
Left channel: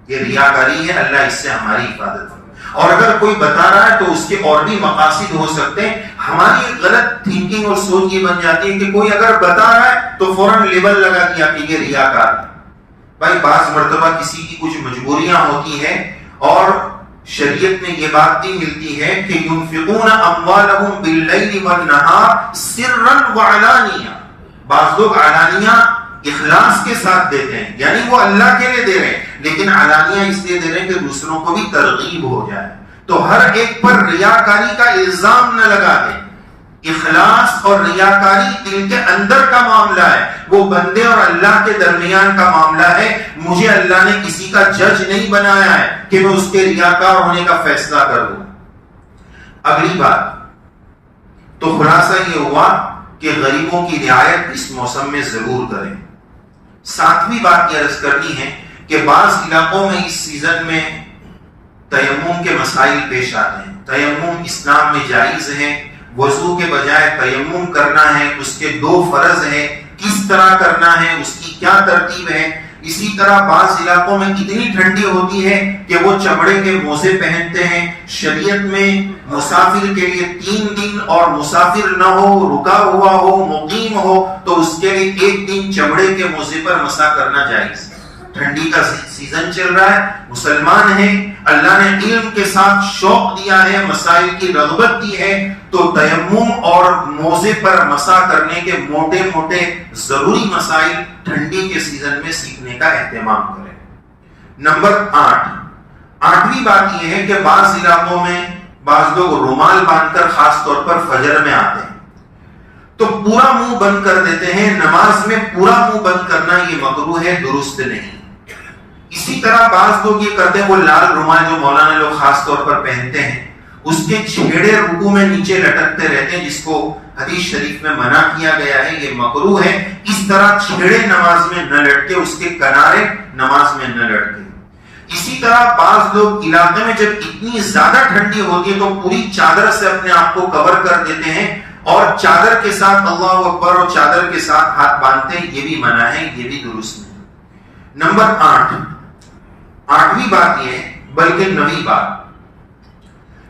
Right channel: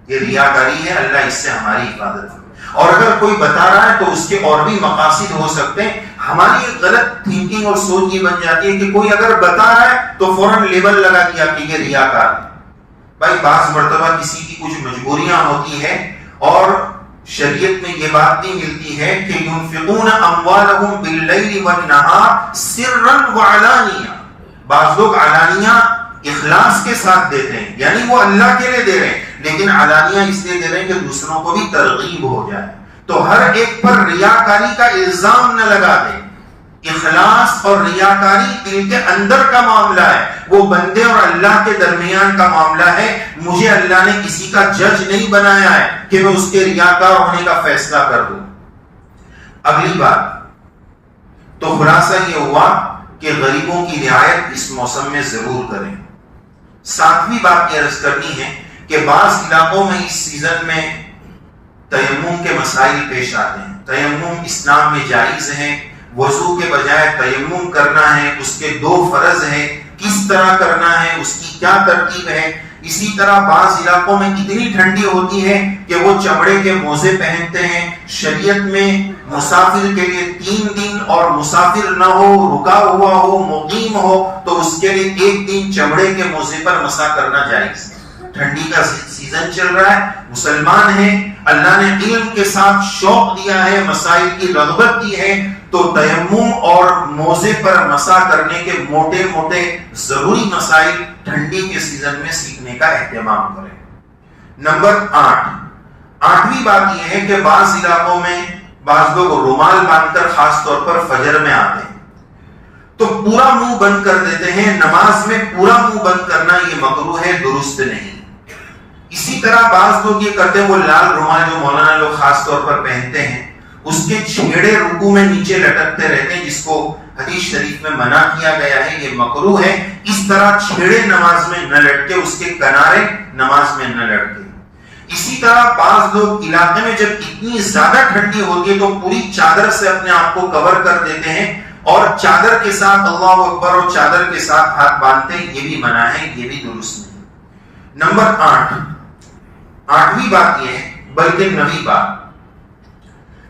یہ ریاکاری ہے۔ اللہ اس سے ہماری حفاظت کرے۔ اور اگر کوئی بتا رہا ہے تو اس کے اور بھی مقاصد ہو سکتے ہیں۔ ہماری ایک غلط تھنکنگ اور سوچ یہ بن جاتی ہے کہ کوئی اگر بتا رہا ہے تو فوراً لیبل لگا دیا کہ یہ ریاکار ہے۔ بھائی بعض مرتبہ کسی کی کچھ مجبوریاں ہوتی ہیں اور شریعت میں یہ بات بھی ملتی ہے کہ ينفقون اموالهم باللیل والنہار سرا وعلانیہ، بعض لوگ علانیہ اخلاص کے ساتھ دیتے ہیں، یعنی وہ اللہ کے لیے دے رہے ہیں لیکن علانیہ اس لیے دے رہے ہیں کہ دوسروں کو بھی ترغیب ہو جائے۔ تو ہر ایک پر ریاکاری کا الزام نہ لگا دیں۔ اخلاص اور ریاکاری دل کے اندر کا معاملہ ہے، وہ بندے اور اللہ کے درمیان کا معاملہ ہے۔ مجھے اللہ نے کسی کا جج نہیں بنایا ہے کہ میں اس کے ریاکار ہونے کا فیصلہ کر دوں۔ اگلی بات تو خلاصہ یہ ہوا کہ غریبوں کی رعایت اس موسم میں ضرور کریں۔ 7ویں بات یہ عرض کرنی ہے کہ بعض علاقوں میں اس سیزن میں تیمم کے مسائل پیش آتے ہیں۔ تیمم اسلام میں جائز ہے، وضو کے بجائے تیمم کرنا ہے، اس کے 2 فرض ہیں، کس طرح کرنا ہے، اس کی کیا ترتیب ہے۔ اسی طرح بعض علاقوں میں اتنی ٹھنڈی ہوتی ہے کہ وہ چمڑے کے موزے پہنتے ہیں۔ شریعت میں مسافر کے لیے 3 دن اور مسافر نہ ہو، رکا ہوا ہو، مقیم ہو تو اس کے لیے 1 دن چمڑے کے موزے پر مسح کرنا جائز ہے۔ ٹھنڈی کا سیزن چل رہا ہے، مسلمان ہیں، اللہ نے علم کے ساتھ شوق دیا ہے، مسائل کی رغبت دی ہے، تو تیمم اور موزے پر مسح کرنے کے موٹے موٹے ضروری مسائل ٹھنڈی کے سیزن میں سیکھنے کا اہتمام کریں۔ نمبر 8ویں بات یہ ہے کہ بعض علاقوں میں بعض لوگ رومال باندھ کر خاص طور پر فجر میں آتے ہیں تو پورا منہ بند کر دیتے ہیں۔ نماز میں پورا منہ بند کرنا یہ مکروہ ہے، درست نہیں۔ اسی طرح بعض لوگ یہ کرتے ہیں، وہ لال رومال جو مولانا لوگ خاص طور پر پہنتے ہیں اس کے چھیڑے رکوع میں نیچے لٹکتے رہتے ہیں، جس کو حدیث شریف میں منع کیا گیا ہے، یہ مکروہ ہے۔ اس طرح چھیڑے نماز میں نہ لٹکے، اس کے کنارے نماز میں نہ لٹکے۔ اسی طرح بعض لوگ علاقے میں جب اتنی زیادہ ٹھنڈی ہوتی ہے تو پوری چادر سے اپنے آپ کو کور کر دیتے ہیں اور چادر کے ساتھ اللہ اکبر اور چادر کے ساتھ ہاتھ باندھتے ہیں، یہ بھی منع ہے، یہ بھی درست نہیں۔ نمبر 8ویں بات یہ ہے، بلکہ 9ویں بات،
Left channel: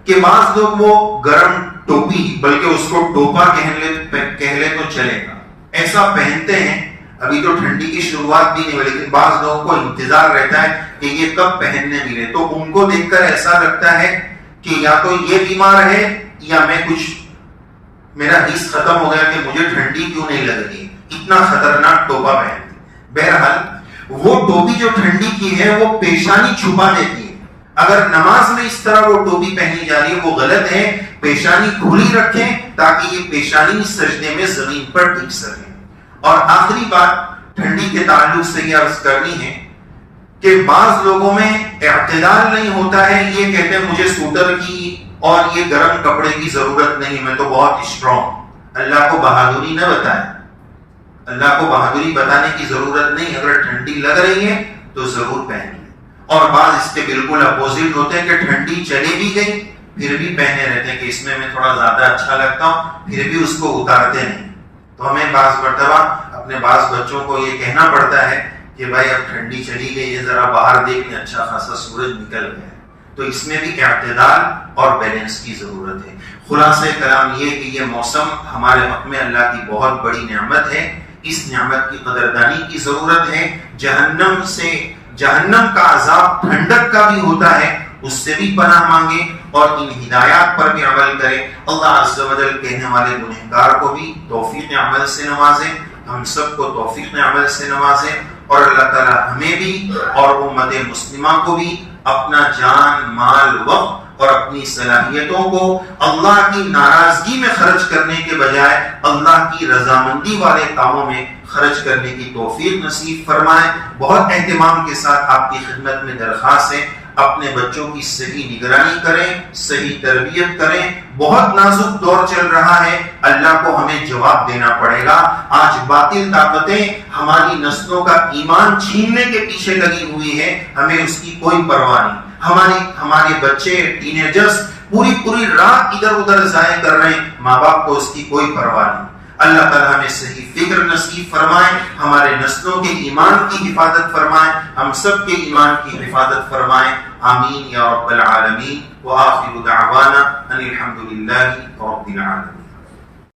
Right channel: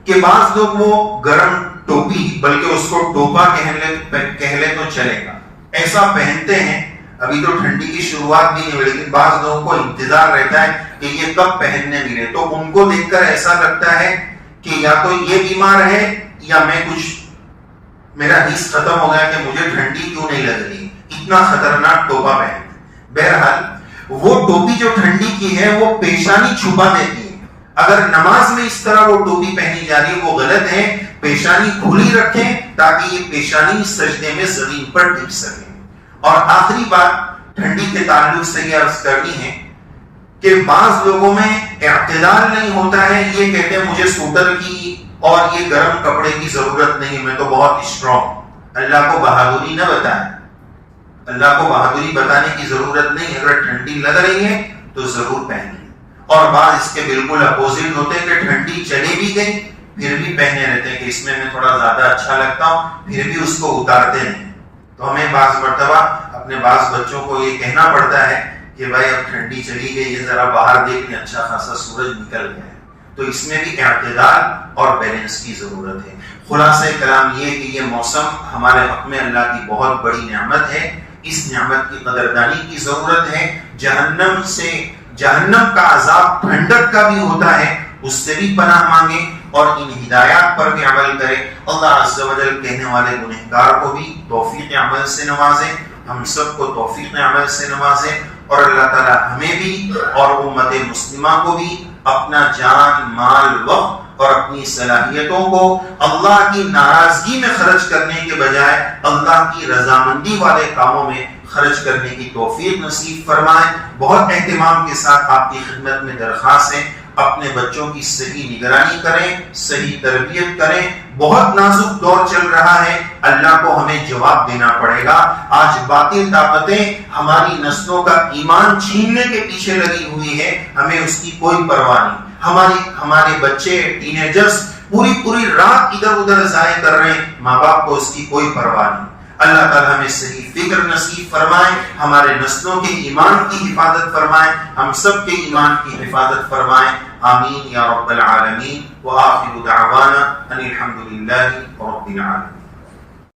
کہ بعض لوگ وہ گرم ٹوپی، بلکہ اس کو ٹوپا کہہ لے تو چلے گا، ایسا پہنتے ہیں۔ ابھی تو ٹھنڈی کی شروعات بھی نہیں ہوئی لیکن بعض لوگوں کو انتظار رہتا ہے کہ یہ کب پہننے ملے، تو ان کو دیکھ کر ایسا لگتا ہے کہ یا تو یہ بیمار ہے یا میرا حس ختم ہو گیا کہ مجھے ٹھنڈی کیوں نہیں لگ رہی، اتنا خطرناک ٹوپا پہنتے۔ بہرحال وہ ٹوپی جو ٹھنڈی کی ہے وہ پیشانی چھپا دیتی ہے۔ اگر نماز میں اس طرح وہ ٹوپی پہنی جا رہی ہے وہ غلط ہے، پیشانی کھلی رکھیں تاکہ یہ پیشانی سجدے میں زمین پر ٹک سکے۔ اور آخری بات ٹھنڈی کے تعلق سے یہ عرض کرنی ہے کہ بعض لوگوں میں اعتدال نہیں ہوتا ہے، یہ کہتے ہیں مجھے سوٹر کی اور یہ گرم کپڑے کی ضرورت نہیں، میں تو بہت اسٹرانگ. اللہ کو بہادری نہ بتائیں، اللہ کو بہادری بتانے کی ضرورت نہیں. اگر ٹھنڈی لگ رہی ہے تو ضرور پہنیے. اور بعض اس کے بالکل اپوزٹ ہوتے ہیں کہ ٹھنڈی چلی بھی گئی پھر بھی پہنے رہتے ہیں کہ اس میں تھوڑا زیادہ اچھا لگتا ہوں، پھر بھی اس کو اتارتے نہیں. تو ہمیں بعض مرتبہ اپنے بعض بچوں کو یہ کہنا پڑتا ہے کہ بھائی اب ٹھنڈی چلی گئی ہے، ذرا باہر دیکھیں اچھا خاصا سورج نکل گیا ہے. تو اس میں بھی اعتدال اور بیلنس کی ضرورت ہے. خلاصہ کلام یہ کہ یہ موسم ہمارے حق میں اللہ کی بہت بڑی نعمت ہے. اس نعمت کی قدردانی کی ضرورت ہے. جہنم کا عذاب ٹھنڈک کا بھی ہوتا ہے، اس سے بھی پناہ مانگے اور ان ہدایات پر بھی عمل کرے. اللہ عز و جل کہنے والے گنہگار کو بھی توفیق عمل سے نوازے، ہم سب کو توفیق عمل سے نوازے، اور اللہ تعالی ہمیں بھی اور امت مسلمہ کو بھی اپنا جان، مال، وقت اور اپنی صلاحیتوں کو اللہ کی ناراضگی میں خرچ کرنے کے بجائے اللہ کی رضامندی والے کاموں میں خرچ کرنے کی توفیق نصیب فرمائے. بہت اہتمام کے ساتھ آپ کی خدمت میں درخواست ہے، اپنے بچوں کی صحیح نگرانی کریں، صحیح تربیت کریں. بہت نازک دور چل رہا ہے، اللہ کو ہمیں جواب دینا پڑے گا. آج باطل طاقتیں ہماری نسلوں کا ایمان چھیننے کے پیچھے لگی ہوئی ہے، ہمیں اس کی کوئی پرواہ نہیں. ہمارے بچے ٹینیجرز پوری رات ادھر ادھر ضائع کر رہے ہیں، ماں باپ کو اس کی کوئی پرواہ نہیں. اللہ تعالیٰ ہمیں صحیح فکر نصیب فرمائے، ہمارے نسلوں کے ایمان کی حفاظت فرمائے، ہم سب کے ایمان کی حفاظت فرمائے. آمین یا رب العالمین. وآخر دعوانا ان الحمد للہ رب العالمین.